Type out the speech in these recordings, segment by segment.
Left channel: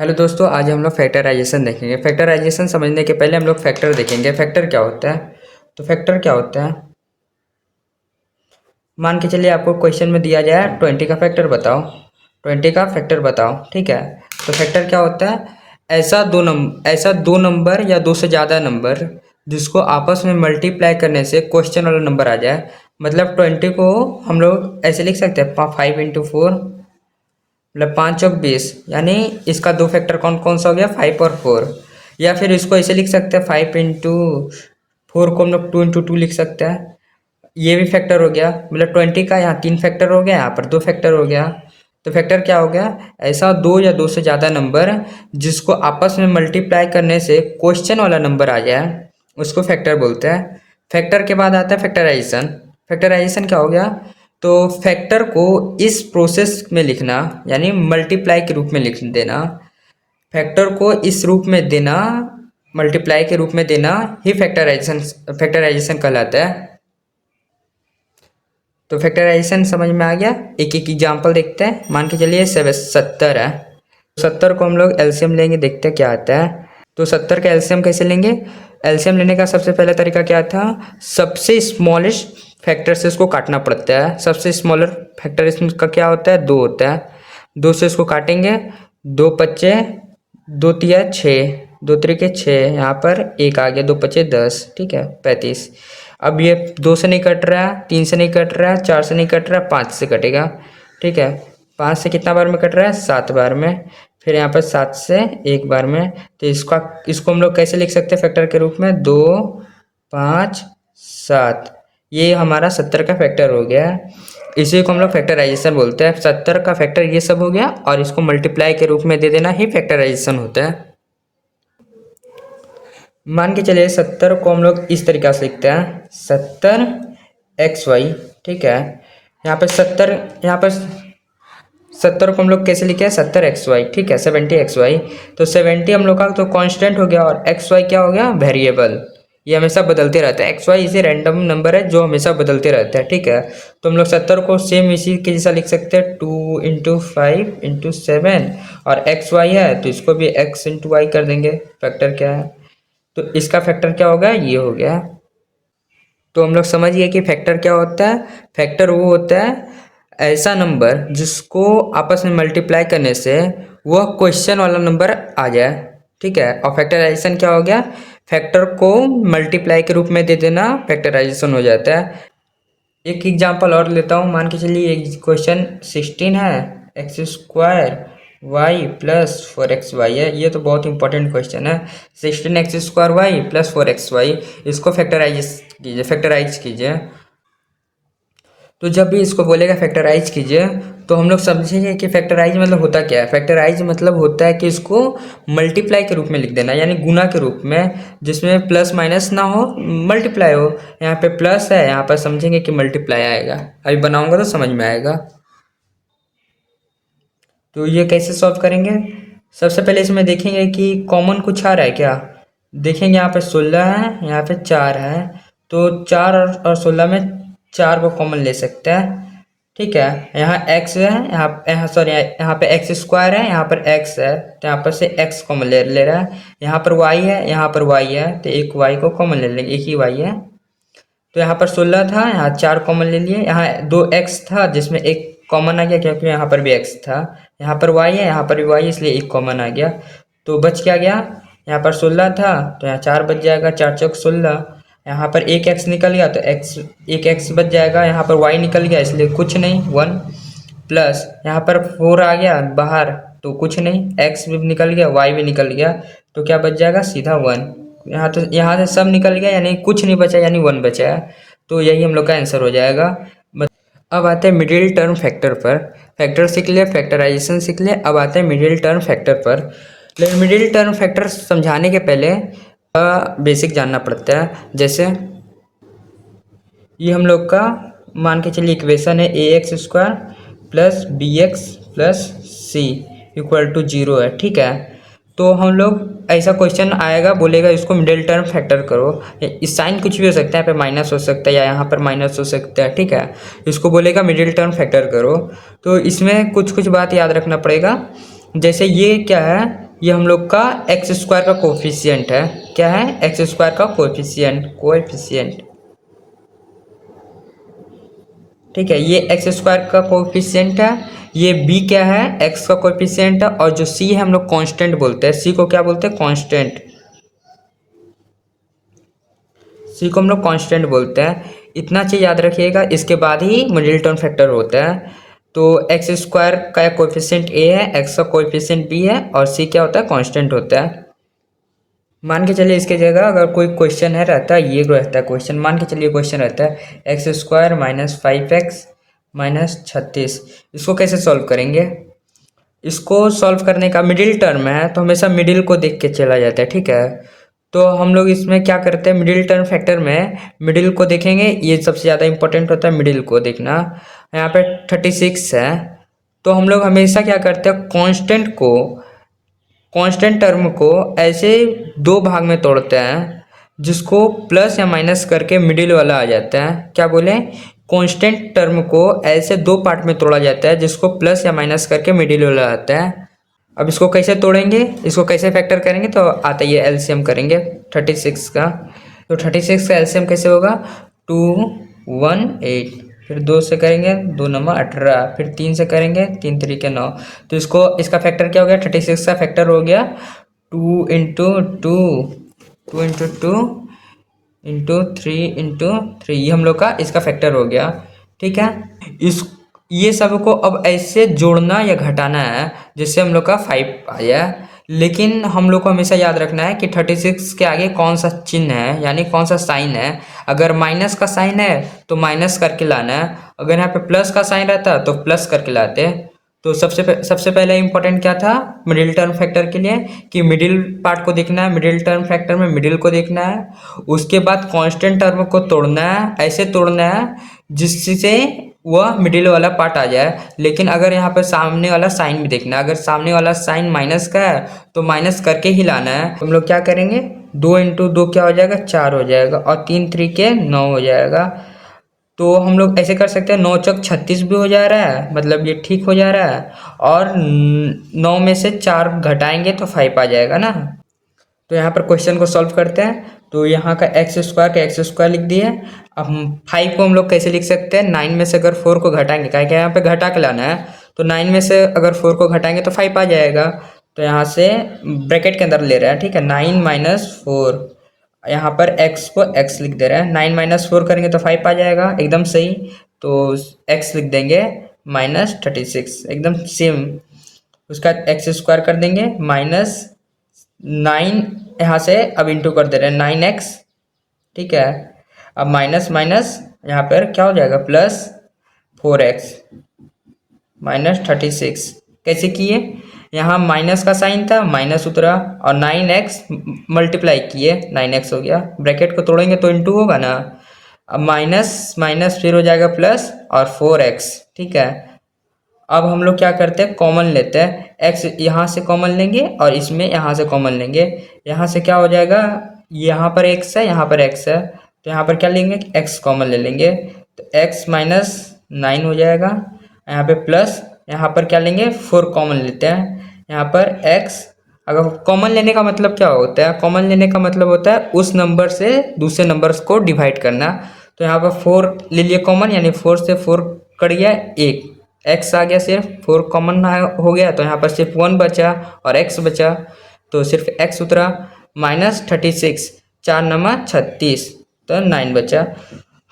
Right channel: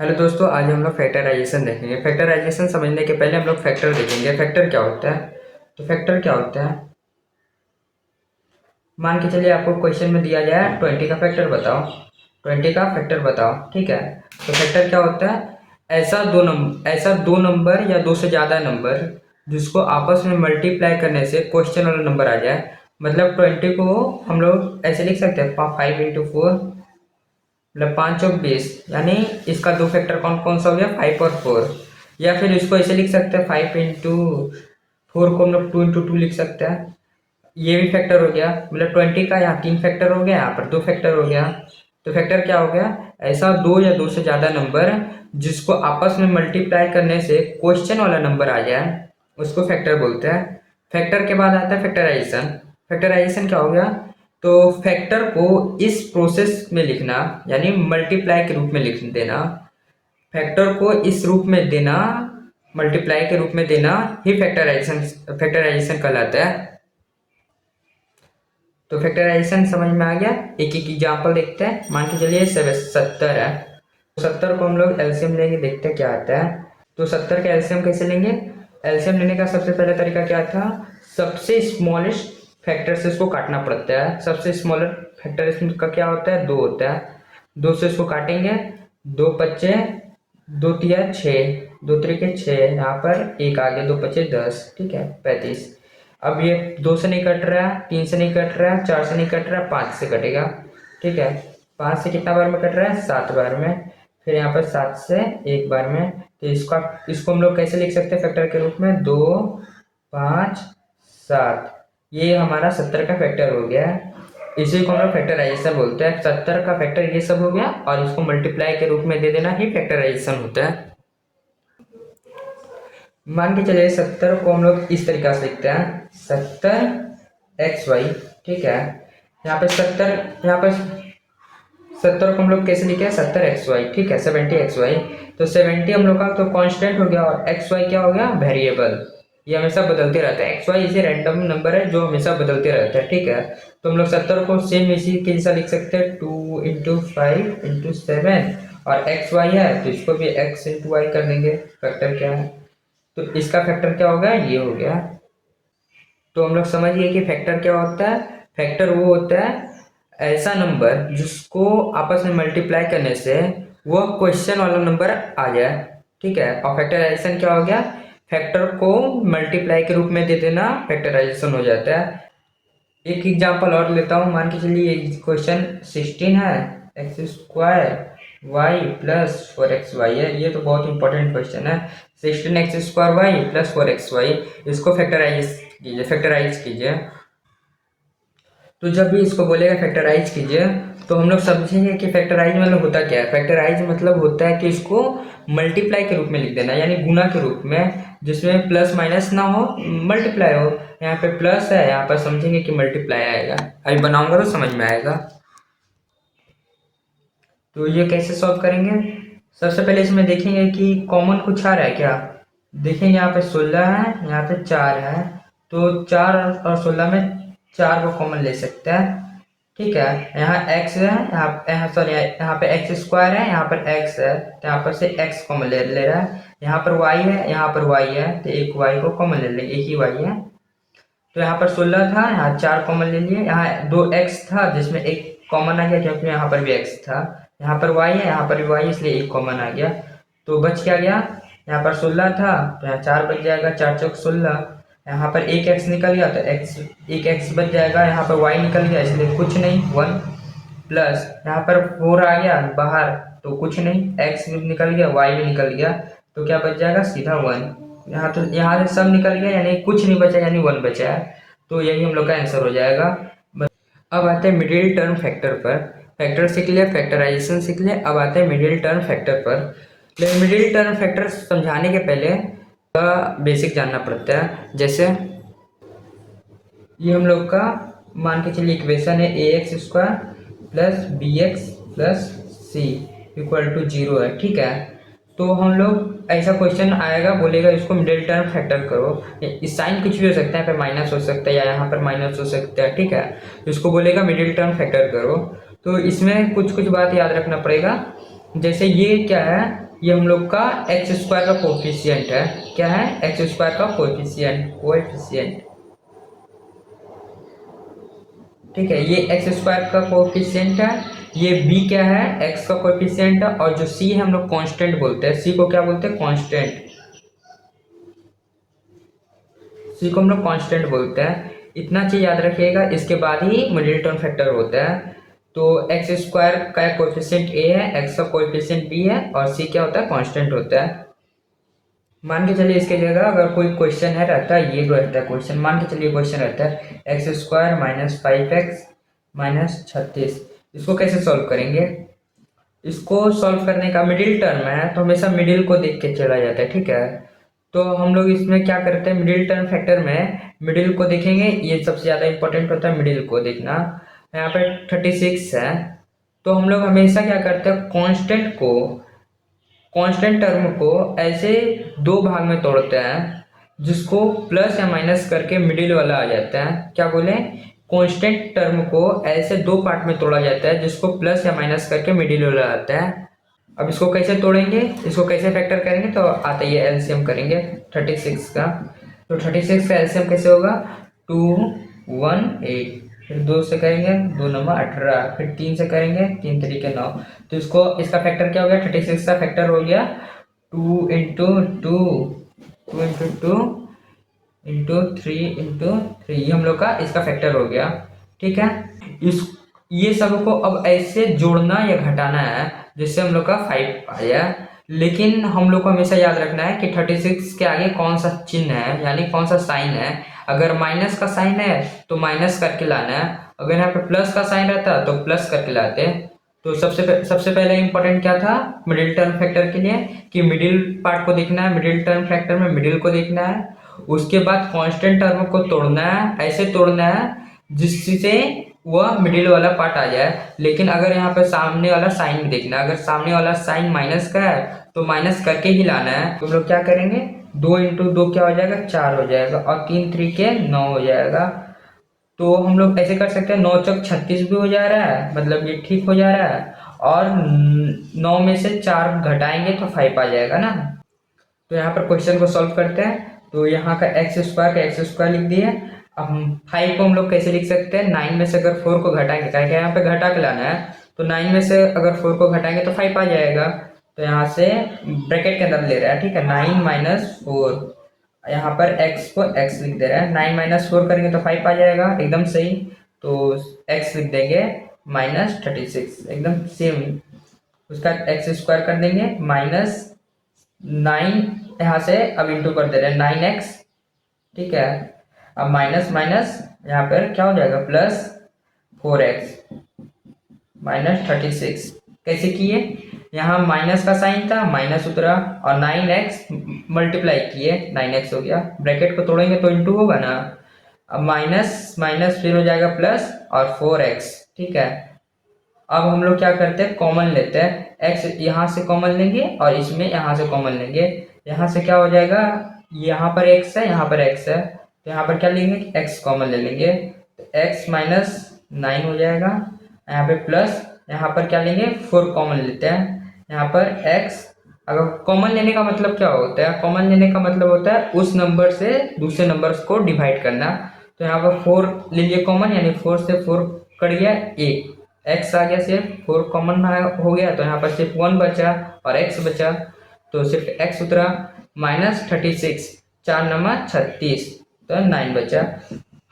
Hello दोस्तों, आज हम लोग फैक्टराइजेशन देखेंगे। फैक्टराइजेशन समझने के पहले हम लोग फैक्टर देखेंगे। फैक्टर क्या होता है? तो फैक्टर क्या होता है, मान के चलिए आपको क्वेश्चन में दिया जाए 20 का फैक्टर बताओ। 20 का फैक्टर बताओ, ठीक है। तो फैक्टर क्या होता है? ऐसा दो नंबर या दो से ज़्यादा नंबर जिसको आपस में मल्टीप्लाई करने से क्वेश्चन वाला नंबर आ जाए। मतलब 20 को हम लोग ऐसे लिख सकते हैं 5 × 4, मतलब 5 × 20, यानी इसका दो फैक्टर कौन कौन सा हो गया, 5 और 4। या फिर इसको ऐसे लिख सकते हैं 5 × 4 को हम लोग 2 × 2 लिख सकते हैं। ये भी फैक्टर हो गया, मतलब 20 का यहाँ 3 फैक्टर हो गया, यहाँ पर 2 फैक्टर हो गया। तो फैक्टर क्या हो गया? ऐसा दो या दो से ज़्यादा नंबर जिसको आपस में मल्टीप्लाई करने से क्वेश्चन वाला नंबर आ जाए, उसको फैक्टर बोलते हैं। फैक्टर के बाद आता है फैक्टराइजेशन। फैक्टराइजेशन क्या हो गया? तो फैक्टर को इस प्रोसेस में लिखना, यानी मल्टीप्लाई के रूप में लिख देना। फैक्टर को इस रूप में देना, मल्टीप्लाई के रूप में देना ही फैक्टराइजेशन फैक्टराइजेशन कहलाता है। तो फैक्टराइजेशन समझ में आ गया। एक एक एग्जांपल देखते हैं। मान के चलिए 70 है। 70 को हम लोग एलसीएम लेंगे, देखते हैं क्या आता है। तो 70 का एलसीएम कैसे लेंगे? एलसीएम लेने का सबसे पहला तरीका क्या था? सबसे स्मॉलेस्ट फैक्टर से इसको काटना पड़ता है। सबसे स्मॉलर फैक्टर इसका क्या होता है? 2 होता है। 2 से इसको काटेंगे, 2 × 5 = 2×3 = 6, 2×3 = 6, यहाँ पर 1 आ गया, 2×5 = 10, ठीक है, 35। अब ये 2 से नहीं कट रहा है, 3 से नहीं कट रहा है, 4 से नहीं कट रहा है, 5 से कटेगा, ठीक है। 5 से कितना बार में कट रहा है? 7 बार में। फिर यहाँ पर 7 से 1 बार में। तो इसको हम लोग कैसे लिख सकते हैं फैक्टर के रूप में? 2, 5, 7। ये हमारा 70 का फैक्टर हो गया। इसी को हम लोग फैक्टराइजेशन बोलते हैं। 70 का फैक्टर ये सब हो गया, और इसको मल्टीप्लाई के रूप में दे देना ही फैक्टराइजेशन होता है। मान के चलिए 70 को हम लोग इस तरीका से लिखते हैं, 70xy, ठीक है। यहाँ पर 70 को हम लोग कैसे लिखे हैं? 70xy, ठीक है, 70xy। तो 70 हम लोग का तो कांस्टेंट हो गया, और xy क्या हो गया? वेरिएबल। ये हमेशा बदलते रहता है। xy इसे रैंडम नंबर है जो हमेशा बदलते रहता है, ठीक है। तो हम लोग 70 को सेम इसी के जैसा लिख सकते हैं, 2 × 5 × 7, और xy है तो इसको भी x × y कर देंगे। फैक्टर क्या है? तो इसका फैक्टर क्या होगा? ये हो गया। तो हम लोग समझ गए कि फैक्टर क्या होता है। फैक्टर वो होता है ऐसा नंबर जिसको आपस में मल्टीप्लाई करने से वह क्वेश्चन वाला नंबर आ जाए, ठीक है। और फैक्टराइजेशन क्या हो गया? फैक्टर को मल्टीप्लाई के रूप में दे देना, फैक्टराइजेशन हो जाता है। एक एग्जांपल और लेता हूँ। मान के चलिए क्वेश्चन 16 है, x² y + 4xy है। ये तो बहुत इंपॉर्टेंट क्वेश्चन है। 16x² y + 4xy, इसको फैक्टराइज कीजिए। तो जब भी इसको बोलेगा फैक्टराइज कीजिए, तो हम लोग समझेंगे कि फैक्टराइज मतलब होता क्या है। फैक्टराइज मतलब होता है कि इसको मल्टीप्लाई के रूप में लिख देना, यानी गुना के रूप में, जिसमें प्लस माइनस ना हो, मल्टीप्लाई हो। यहाँ पे प्लस है, यहाँ पर समझेंगे कि मल्टीप्लाई आएगा। अभी बनाऊंगा तो समझ में आएगा। तो ये कैसे सॉल्व करेंगे? सबसे पहले इसमें देखेंगे कि कॉमन कुछ आ रहा है क्या। देखेंगे यहाँ पे 16 है, यहाँ पे 4 है। तो 4 और 16 में 4 को कॉमन ले सकते हैं, ठीक है। यहाँ x है, यहाँ सॉरी, यहाँ पे x² है, यहाँ पर x है, तो यहाँ पर से x कॉमन ले रहा है। यहाँ पर y है, यहाँ पर y है, तो एक y को कॉमन ले लेंगे, एक ही y है। तो यहाँ पर 16 था, यहाँ 4 कॉमन ले लिए। यहाँ 2x था जिसमें एक कॉमन आ गया, क्योंकि यहाँ पर भी x था। यहाँ पर y है, यहाँ पर भी y, इसलिए एक कॉमन आ गया। तो बच क्या गया? यहाँ पर 16 था, तो यहाँ 4 बच जाएगा, 4 × 4 = 16। यहाँ पर एक x निकल गया, तो एक x बच जाएगा। यहाँ पर y निकल गया, इसलिए कुछ नहीं, 1, प्लस यहाँ पर 4 आ गया बाहर, तो कुछ नहीं, x भी निकल गया, y भी निकल गया, तो क्या बच जाएगा? सीधा 1। यहाँ से सब निकल गया, यानी कुछ नहीं बचा, यानी 1 बचा है। तो यही हम लोग का आंसर हो जाएगा। अब आते हैं मिडिल टर्म फैक्टर पर। फैक्टर सीख लिया, फैक्टराइजेशन सीख लिया, अब आते हैं मिडिल टर्म फैक्टर पर। लेकिन मिडिल टर्म फैक्टर समझाने के पहले बेसिक जानना पड़ता है। जैसे ये हम लोग का मान के चलिए इक्वेशन है, ax² + bx + c = 0 है, ठीक है। तो हम लोग ऐसा क्वेश्चन आएगा, बोलेगा इसको मिडिल टर्म फैक्टर करो। इस साइन कुछ भी हो सकता है, यहाँ पे माइनस हो सकता है, या यहाँ पर माइनस हो सकता है, ठीक है। इसको बोलेगा मिडिल टर्म फैक्टर करो। तो इसमें कुछ कुछ बात याद रखना पड़ेगा। जैसे ये क्या है, ये हम लोग का एक्स स्क्वायर का कोफिशिएंट है। क्या है? एक्स स्क्वायर का कोएफिशिएंट। ठीक है, ये एक्स स्क्वायर का कोफिशिएंट है। ये बी क्या है? एक्स का कोफिशिएंट है। और जो सी है हम लोग कांस्टेंट बोलते हैं। सी को क्या बोलते हैं? कांस्टेंट। सी को हम लोग कांस्टेंट बोलते हैं। इतना चीज याद रखिएगा, इसके बाद ही मिडिल टर्म फैक्टर होता है। तो एक्स स्क्वायर का कोएफिशिएंट ए है, एक्स का कोएफिशिएंट बी है, और सी क्या होता है? कांस्टेंट होता है। मान के चलिए इसके जगह अगर कोई क्वेश्चन है रहता है, ये रहता है क्वेश्चन, मान के चलिए क्वेश्चन रहता है x square minus 5x minus 36। इसको कैसे सॉल्व करेंगे? इसको सॉल्व करने का मिडिल टर्म है तो हमेशा मिडिल को देख के चला जाता है। ठीक है, तो हम लोग इसमें क्या करते हैं, मिडिल टर्म फैक्टर में मिडिल को देखेंगे। ये सबसे ज़्यादा इंपॉर्टेंट होता है मिडिल को देखना। यहाँ पे 36 है, तो हम लोग हमेशा क्या करते हैं, कांस्टेंट टर्म को ऐसे दो भाग में तोड़ते हैं जिसको प्लस या माइनस करके मिडिल वाला आ जाता है। क्या बोले? कांस्टेंट टर्म को ऐसे दो पार्ट में तोड़ा जाता है जिसको प्लस या माइनस करके मिडिल वाला आता है। अब इसको कैसे तोड़ेंगे, इसको कैसे फैक्टर करेंगे, तो आता ही है एलसीएम करेंगे 36 का। तो 36 का एलसीएम कैसे होगा? 218, फिर 2 से करेंगे 2 नंबर 18, फिर 3 से करेंगे 3 तरीके 9। तो इसका फैक्टर क्या हो गया? 36 का फैक्टर हो गया 2 इंटू 3 ये हम लोग का इसका फैक्टर हो गया। ठीक है, इस ये सब को अब ऐसे जोड़ना या घटाना है जिससे हम लोग का 5 आया। लेकिन हम लोग को हमेशा याद रखना है कि 36 के आगे कौन सा चिन्ह है, यानी कौन सा साइन है। अगर माइनस का साइन है तो माइनस करके लाना है, अगर यहाँ पे प्लस का साइन रहता तो प्लस करके लाते। तो सबसे पहले इंपॉर्टेंट क्या था मिडिल टर्म फैक्टर के लिए, कि मिडिल पार्ट को देखना है, मिडिल टर्म फैक्टर में मिडिल को देखना है। उसके बाद कांस्टेंट टर्म को तोड़ना है, ऐसे तोड़ना है जिससे वह मिडिल वाला पार्ट आ जाए। लेकिन अगर यहाँ पे सामने वाला साइन भी देखना है, अगर सामने वाला साइन माइनस का है तो माइनस करके ही लाना है। हम लोग क्या करेंगे, 2 इंटू 2 क्या हो जाएगा? 4 हो जाएगा, और 3 3 9 हो जाएगा। तो हम लोग ऐसे कर सकते हैं, 9 चौक 36 भी हो जा रहा है, मतलब ये ठीक हो जा रहा है। और 9 में से 4 घटाएंगे तो 5 आ जाएगा ना। तो यहाँ पर क्वेश्चन को सॉल्व करते हैं। तो यहाँ का एक्स स्क्वायर लिख दिए। अब 5 को हम लोग कैसे लिख सकते हैं, 9 में से अगर 4 को घटाएंगे, क्या यहाँ पे घटा के लाना है, तो 9 में से अगर 4 को घटाएंगे तो 5 आ जाएगा। तो यहाँ से ब्रैकेट के अंदर ले रहा है। ठीक है, 9 माइनस 4, यहाँ पर x को x लिख दे रहा है। 9 माइनस 4 करेंगे तो 5 आ जाएगा, एकदम सही। तो x लिख देंगे -36, एकदम सेम। उसका एक्स स्क्वायर कर देंगे माइनस 9, यहाँ से अब इंटू कर दे रहे हैं 9x। ठीक है, अब माइनस माइनस यहाँ पर क्या हो जाएगा, प्लस 4x माइनस 36। कैसे किए, यहाँ माइनस का साइन था, माइनस उतरा, और 9x मल्टीप्लाई किए, 9x हो गया। ब्रैकेट को तोड़ेंगे तो इंटू होगा ना। अब माइनस माइनस फिर हो जाएगा प्लस और 4x। ठीक है, अब हम लोग क्या करते हैं, कॉमन लेते हैं। x यहाँ से कॉमन लेंगे और इसमें यहाँ से कॉमन लेंगे। यहाँ से क्या हो जाएगा, यहाँ पर x है, यहाँ पर x है, तो यहाँ पर क्या लेंगे, x कॉमन ले लेंगे। तो x माइनस 9 हो जाएगा, यहाँ पे प्लस, यहाँ पर क्या लेंगे, 4 कॉमन लेते हैं। यहाँ पर x, अगर कॉमन लेने का मतलब क्या होता है, कॉमन लेने का मतलब होता है उस नंबर से दूसरे नंबर को डिवाइड करना। तो यहाँ पर 4 ले लिए कॉमन, यानी 4 से 4 कट गया, 1 x आ गया, सिर्फ 4 कॉमन हो गया, तो यहाँ पर सिर्फ 1 बचा और x बचा, तो सिर्फ x उतरा। माइनस 36, 4 नंबर 36, तो 9 बचा।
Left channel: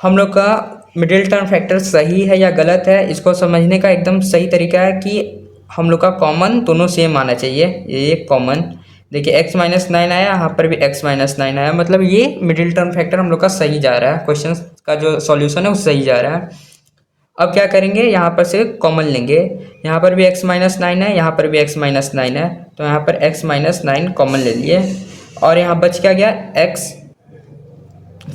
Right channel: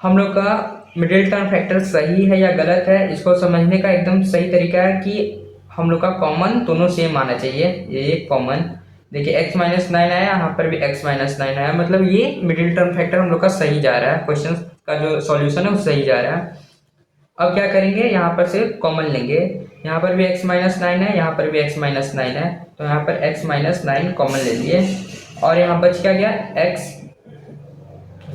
हम लोग का मिडिल टर्म फैक्टर सही है या गलत है, इसको समझने का एकदम सही तरीका है कि हम लोग का कॉमन दोनों सेम आना चाहिए। ये कॉमन देखिए, x माइनस 9 आया, यहाँ पर भी x माइनस 9 आया, मतलब ये मिडिल टर्म फैक्टर हम लोग का सही जा रहा है। क्वेश्चन का जो सॉल्यूशन है वो सही जा रहा है। अब क्या करेंगे, यहाँ पर से कॉमन लेंगे। यहाँ पर भी x माइनस 9 है, यहाँ पर भी x माइनस 9 है, तो यहाँ पर x माइनस 9 कॉमन ले लिए। और यहाँ बच क्या गया, x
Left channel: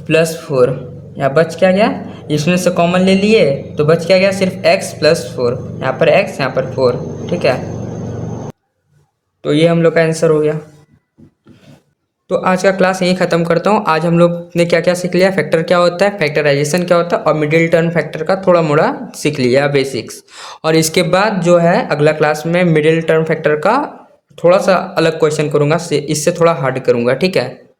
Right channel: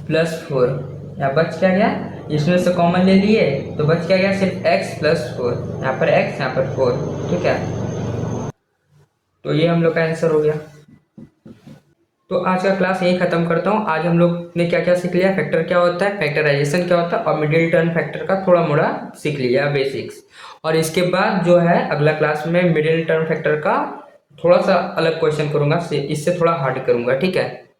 प्लस 4, यहाँ बच क्या गया, इसमें से कॉमन ले लिए तो बच क्या गया, सिर्फ x प्लस 4, यहाँ पर x यहाँ पर 4। ठीक है, तो ये हम लोग का आंसर हो गया। तो आज का क्लास यही खत्म करता हूँ। आज हम लोग ने क्या क्या सीख लिया, फैक्टर क्या होता है, फैक्टराइजेशन क्या होता है, और मिडिल टर्म फैक्टर का थोड़ा मोड़ा सीख लिया बेसिक्स। और इसके बाद जो है अगला क्लास में मिडिल टर्म फैक्टर का थोड़ा सा अलग क्वेश्चन करूँगा, इससे थोड़ा हार्ड करूँगा, ठीक है।